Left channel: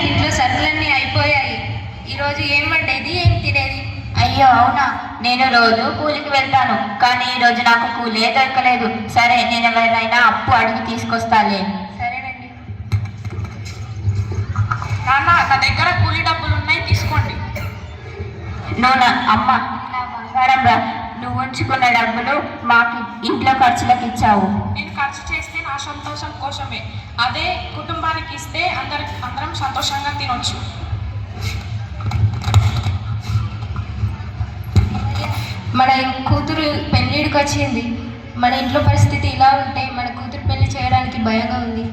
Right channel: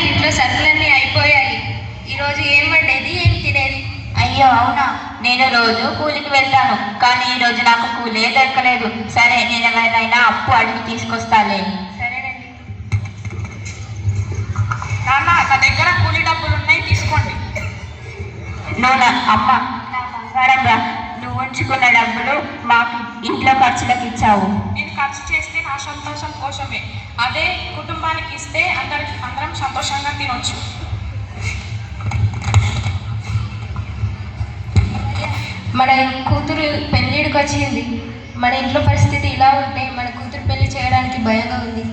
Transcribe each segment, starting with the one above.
ఇంట్లో సరుకులన్నీ అయిపోయాయి. ఈరోజు ఏం వండేది, ఏం తినేది? అయ్యో అవునా, నేను రోజు కూలికి వెళ్తాను, కానీ ఈరోజు నాకు కూలే దొరకలేదు. సరే, నేను ఎవరైనా అప్పు అడిగి తీసుకొస్తాలే. సరేనండి. నాన్న, నా దగ్గర కూలి డబ్బులు ఉన్నాయి, తీసుకోండి. అమ్మ, నా బంగారం రా, నువ్వు ఉంచుకున్న డబ్బులు మాకు ఇంట్లో ఖర్చులకు ఇచ్చావు. నేను ఖర్చు చేస్తే నా సంతోషం కోసమే, అదే కుటుంబానికి ఇస్తే అందరం సంతోషంగా తినొచ్చు. మన కూతురు పెళ్ళిడికి వచ్చింది. మన ఇంట్లో పరిస్థితి ఇలా ఉంటే మన కూతురు పెళ్లి చేయడానికి భయంగా ఉంది.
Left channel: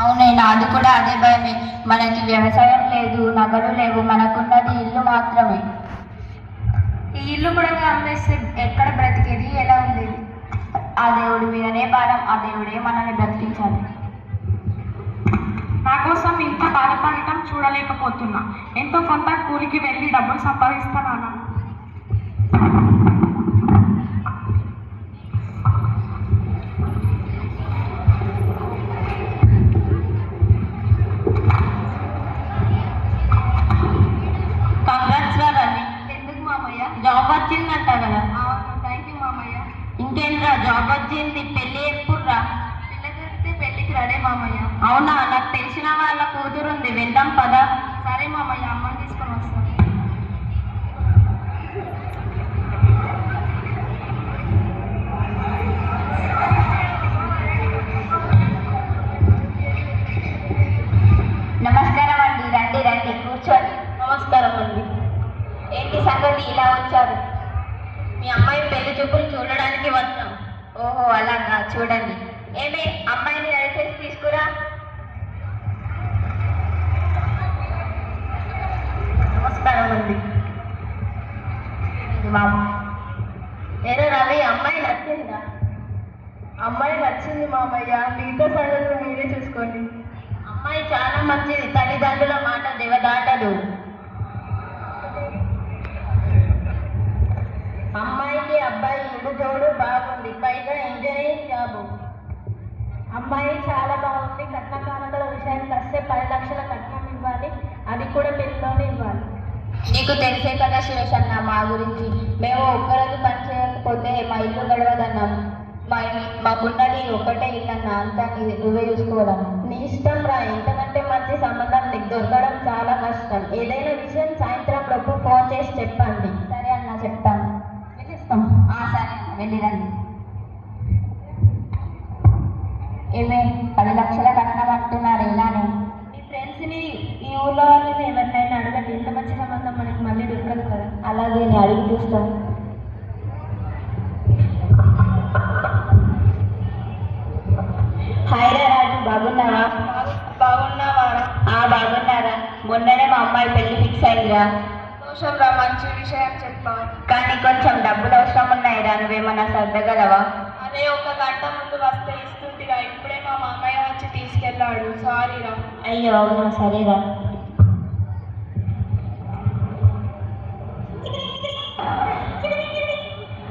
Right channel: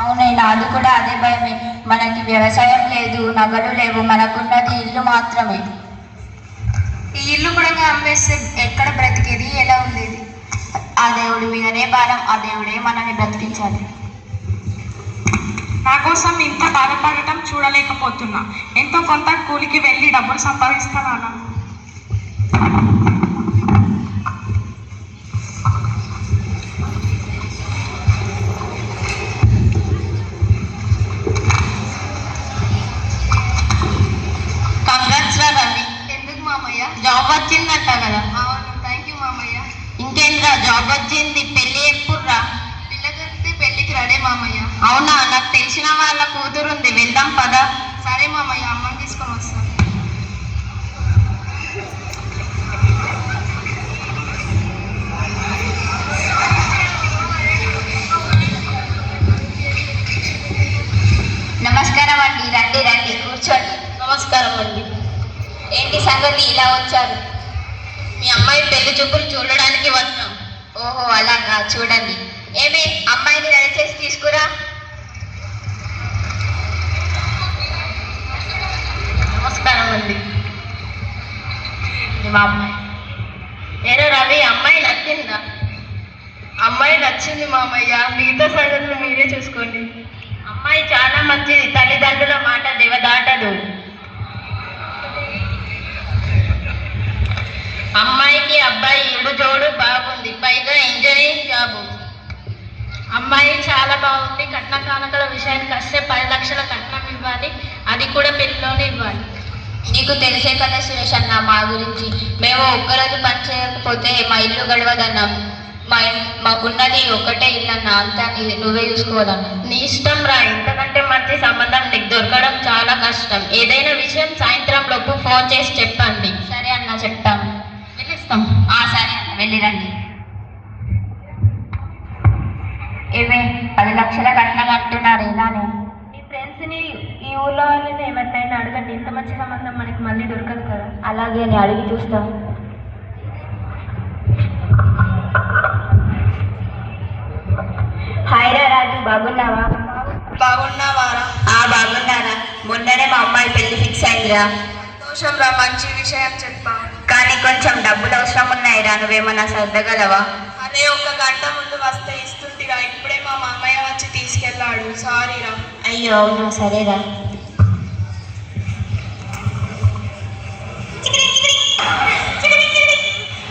అవునైనా, అది కూడా అదే భయమే. మనకి వ్యవసాయం లేదు, నగలు లేవు, మనకున్నది ఇల్లు మాత్రమే. ఈ ఇల్లు కూడా అమ్మేస్తే ఎక్కడ బ్రతికేది, ఎలా ఉండేది? ఆ దేవుడి మీదనే భారం, ఆ దేవుడే మనల్ని బ్రతికించాలి. నా కోసం ఇంత బాధపడటం చూడలేకపోతున్నా. ఎంతో కొంత కూలికి వెళ్ళి డబ్బులు సంపాదిస్తాను. ఎందుకు మామయ్య? జాబ్ వచ్చిందంట కదా? అవును, థ్యాంక్ యూ మామయ్య. ఇంకేంద్రా, జాబ్ వచ్చింది, పెళ్ళి ఎప్పుడు రా? పిల్ల దొరికితే పెళ్ళికి రాడే మామయ్య. అవునా, నాకు తెలిసిన వాళ్ళ కూతురు ఉంది, వెళ్దాం పదా. సరే మామయ్య, అమ్మని తీసుకొని వస్తాను. నమస్కారం అండి, రండి రండి, కూర్చోండి. నమస్కారం అండి. ఏంటి సంగతి, ఇలా వచ్చారు? మీ అమ్మాయి పెళ్లి చూపులు చూడడానికి వస్తాం. ఓహో అలాగా, చూడండి. ఏమి, అమ్మాయిని రెడీ చేసి తీసుకురా. నమస్కారం అండి. ఏరా రవి, అమ్మాయి నచ్చిందా? అమ్మాయి నచ్చింది మామయ్య, మిగతా సంగతులు మీరే చూసుకోండి. అమ్మాయి చాలా మంచిది, తల్లిదండ్రుల మాట దేవదాటదు. అమ్మాయికి అబ్బాయి ఇడు జోడు బాగుంది, పైగా ఇంజనీరింగ్ జాబు. అమ్మాయి చాలా బాగుంది. కట్న కానుకల విషయానికి వస్తే 10 లక్షల కట్నం ఇవ్వాలి, అది కూడా పెళ్లిలోనే ఇవ్వాలి. నీకు తెలిసే కదా సురేష్ అన్న మా గురించి. మేము ఒక్కరోజు పని చేయకపోతే మా ఇల్లు గడవదన్నాం. మాకున్నది ఒకటే ఇల్లు అన్న, అంతా నువ్వే చూసుకోవాలన్నా. నీ ఇష్టం రా, ఇంతకంటే మంచి సంబంధం నీకు దొరకడం చాలా కష్టం. ఏదైనా విషయం సాయంత్రం లోపు ఫోన్ చేసి చెప్పండి. సరే అన్న, చెప్తాం. వెళ్ళిస్తాం. సరే అన్న, వెళ్ళిరండి. ఏమే 10 లక్షల కట్నం అంటున్నారు, ఇలానే? మీ ఫ్రెండ్స్ని, ఈ ఊళ్ళో వాళ్ళని ఎవరినైనా అడగండి, ఇంత మంచి సంబంధం మనకి మళ్ళీ దొరకదు కదా. అలాగే, నేను అడిగి చూస్తాం. హాయ్ రా రాజు, బాగున్నావా? బాగున్నావారా? బాగున్నారా. మొన్ననే మా అమ్మాయి పెళ్లి ఫిక్స్ అయిందిరా. సంతోషం రా, మంచి విషయం చెప్పా. కానీ కొంచెం డబ్బులు అవసరం ఉన్నాయిరా, నువ్వేమన్నా సర్దగలవా? అదే, 1 గంట ముందు వస్తే ఇస్తుంటిగా, ఇప్పుడే మా మామయ్య వచ్చి తీసుకెళ్ళాడు. సారీ రా. అయ్యో అవును, సరేరా.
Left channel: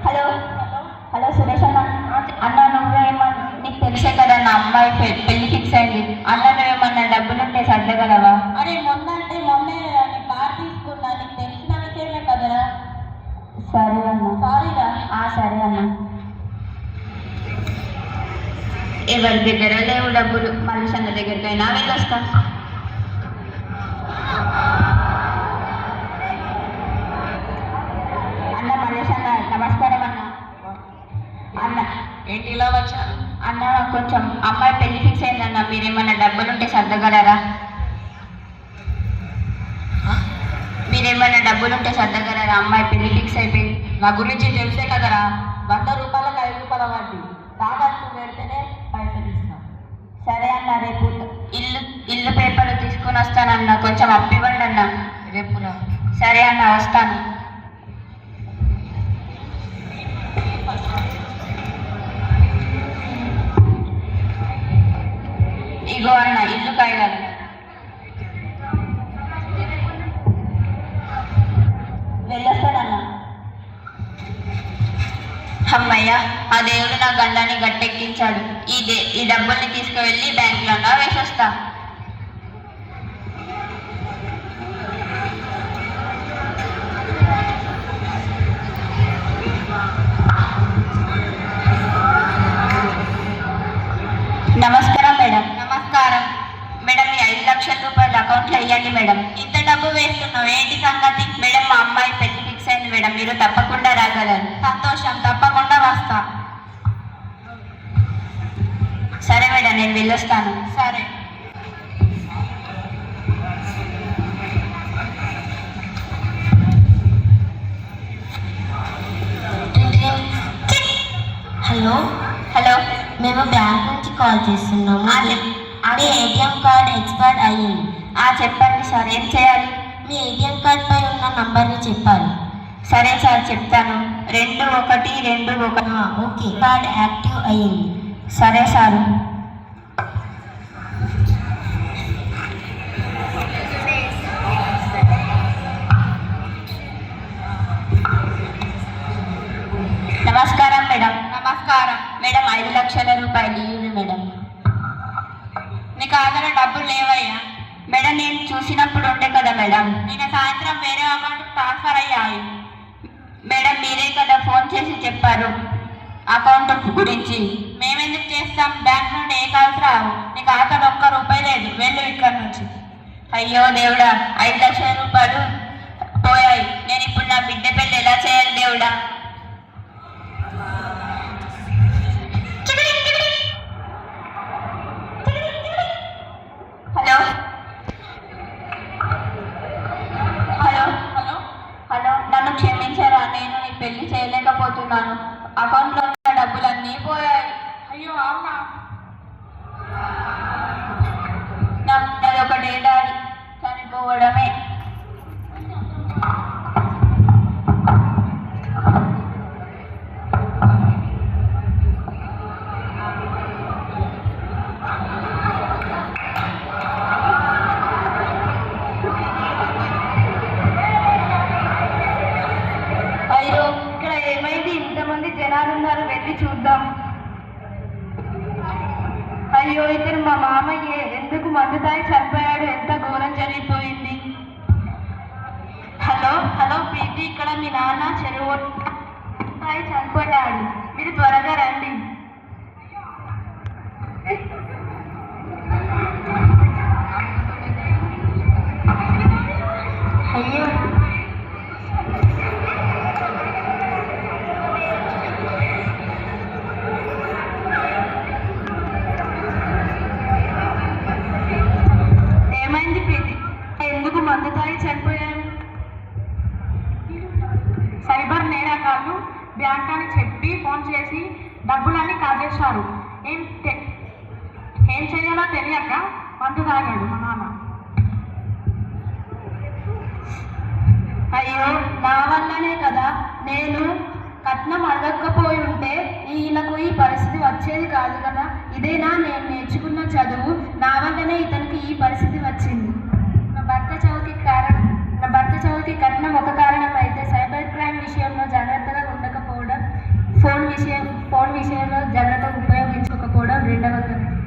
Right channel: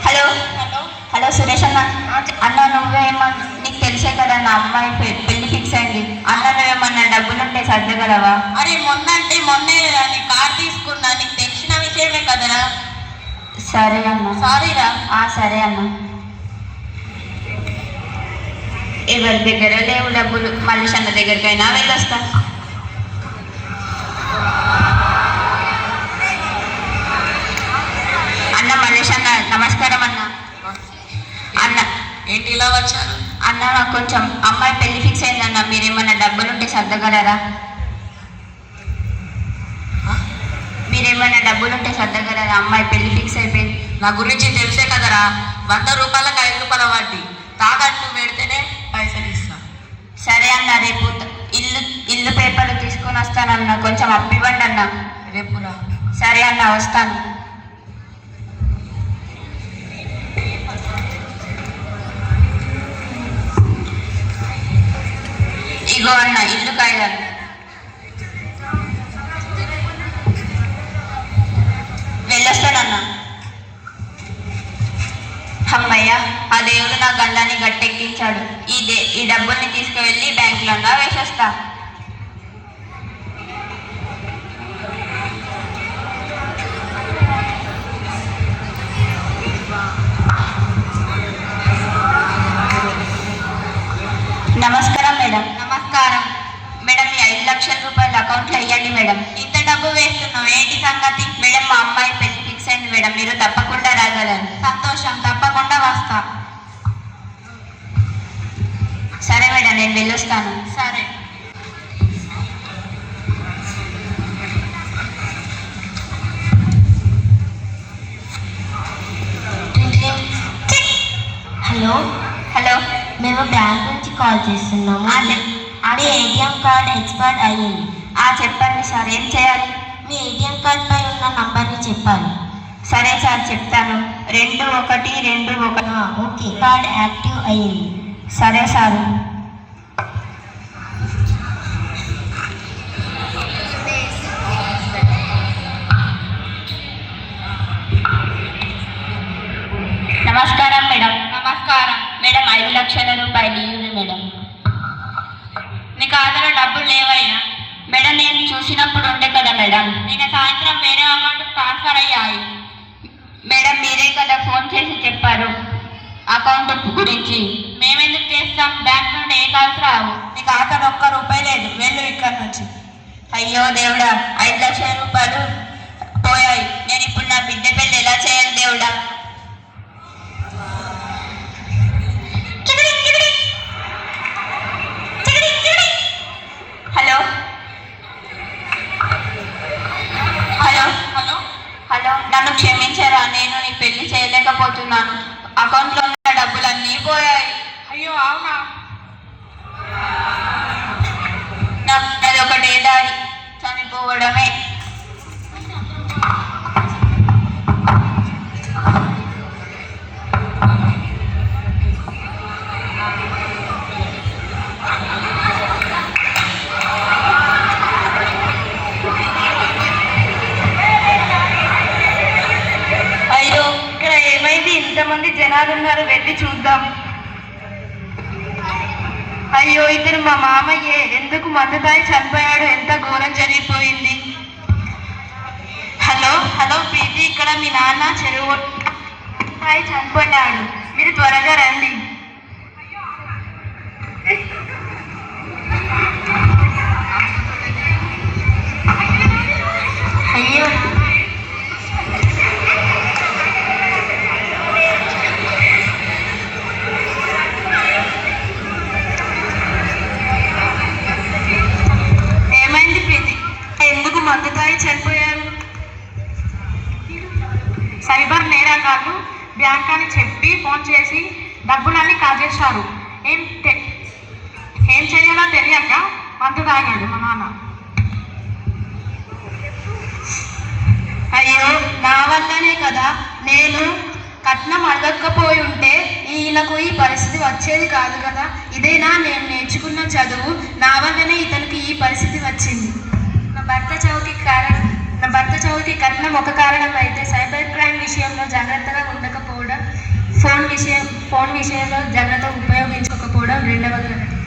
Hello hello. హలో సురేష్ అన్న. అన్న, నీకు తెలిసే కదా నా అమ్మాయి పెళ్లి ఫిక్స్ అయింది. అన్న, నువ్వేమన్నా డబ్బులుంటే సర్దగలవా? అరే, మొన్నంటే మొన్నే నీ కార్ తీసుకున్నా, నీకు తెలిసిన విషయమే కదరా. సరే అన్న. సారీరా. సరే అన్న. ఎవరి దగ్గర లేవు డబ్బులు, మళ్ళీ అన్న దగ్గరికైనా వెళ్ళొస్తా. అన్న, మల్లేష్ అన్న, నమస్కారం అన్న. అన్న, ఏంటి ఇలా వచ్చారు? అన్న, నాకు కొంచెం అమ్మాయి పెళ్లి ఫిక్స్ అయిందన్న, మీరేమన్నా డబ్బులుంటే సర్దగలరా? మీరేమన్నా డబ్బులుంటే సర్దగలరా? అమ్మాయి పెళ్లి ఫిక్స్ అయిపోయింది. నా గురించి తెలిసే కదరా, 100 రూపాయలకు 5 రూపాయల వడ్డీ. తాకట్టు పెడితేనే పైసలు ఇస్తా. సరే అన్న, రేపు ఇల్లు పేపర్లు తీసుకొని వస్తానన్న, కొంచెం అప్పివ్వండి అన్న. రేపురా. సరే అన్న, వస్తాను. ఇగో అన్న, ఇల్లు కాగితాలు. వెళ్ళొస్తానన్న. అమ్మయ్య, ఆ దేవుడు నా గండాన్ని గట్టెక్కించాడు. ఈ డబ్బుల్ని తీసుకువెళ్ళి బ్యాంకులో వేసేస్తా. అకౌంట్లో వేయండి మేడం. ఇంత డబ్బు వేస్తున్నావు ఏంటి సంగతి? మేడం మా అమ్మాయి పెళ్లి ఫిక్స్ అయింది మేడం, మీరు తప్పకుండా రాగలరు. సంతోషం, తప్పకుండా వస్తా. సరే మేడం, నేను వెళ్ళొస్తాను. సరే. Hello hello. మేము బ్యాంక్ నుంచి కాల్ చేస్తున్నాము. మీ ఏటీఎం కార్డ్ ఎక్స్పైర్ అయ్యింది. చెప్పండి సార్, ఏం చేయాలి? మీ ఏటీఎం కార్డ్ పై ఉన్న నంబర్ని చెప్పాలి. సరే సార్, చెప్తాను. 2121. ఓకే, కార్డ్ యాక్టివ్ అయ్యింది. సరే సార్. నమస్కారం మేడం. నమస్కారం. మేడం 5 లక్షల రూపాయలు ఇవ్వండి మేడం. నీ ఖాతాలో డబ్బులు లేవయ్యా? మేడం నేను చూసినప్పుడు ఉండే కదా మేడం. నిన్న సాయంత్రం వేరే అకౌంట్ ట్రాన్స్ఫర్ అయ్యాయి. మేడం మీరే కదా ఫోన్ చేసి చెప్పారు అకౌంట్ గురించి. మేమెందుకు చేస్తాం? బ్యాంక్ నుండి ఏ కాల్స్ రావు. నీ ఖాతాలో ఒక్క రూపాయి లేదు, వెళ్ళు ఇక్కడ నుంచి. అయ్యో దేవుడా, 5 లక్షల రూపాయలు పోయాయి. నేను ఇప్పుడు నా బిడ్డ పెళ్ళి ఎలా చేయాలి దేవుడా? Hello hello hello. హలో, నన్ను క్షమించారా? నేను నీ పెళ్లి చేయలేకపోతున్నాను. అకౌంట్లో ఉన్న డబ్బులన్నీ పోయాయి. అయ్యో అవునా? నాది ఒకటే దారి, చనిపోవడమే. అయ్యో, ఇక్కడ ఏమైంది? ఇంతమంది జనాలు ఉన్నారు, వెళ్ళి చూద్దాం. అయ్యో, ఇతను మా మామయ్యే. ఎందుకు మందు తాగి చనిపోయాడు? ఎంత ఘోరం జరిగిపోయింది. హలో హలో ప్రీతి, ఇక్కడ మీ నాన్న చెరువు తాగి చనిపోయాడు, మీరు త్వరగా రండి. అయ్యో, ఏమైంది ప్రీతి? ఎందుకు మందు తాగి చనిపోయారు? సైబర్ నేరగాళ్ళు బ్యాంక్ అని చెప్పి ఫోన్ చేసి డబ్బులన్నీ కాజేశారు. ఏం చేయాలో తెలియక మందు తాగాడు మా నాన్న. అయ్యో, నా వల్లనే కదా. నేను కట్నం అడగకపోయి ఉంటే ఈయనకు ఈ పరిస్థితి వచ్చేది కాదు కదా. ఇదేనా నేను నేర్చుకున్న చదువు? నా వల్లనే ఇతనికి ఈ పరిస్థితి వచ్చింది. నా భర్త చౌతి కట్నం ఒక కారణం అయితే, సైబర్ క్రైమ్ విషయంలో జాగ్రత్తగా ఉండకపోవడం, ఫోన్ విషయంలో జాగ్రత్తగా ఉపయోగించకపోవడం రెండవ కారణం.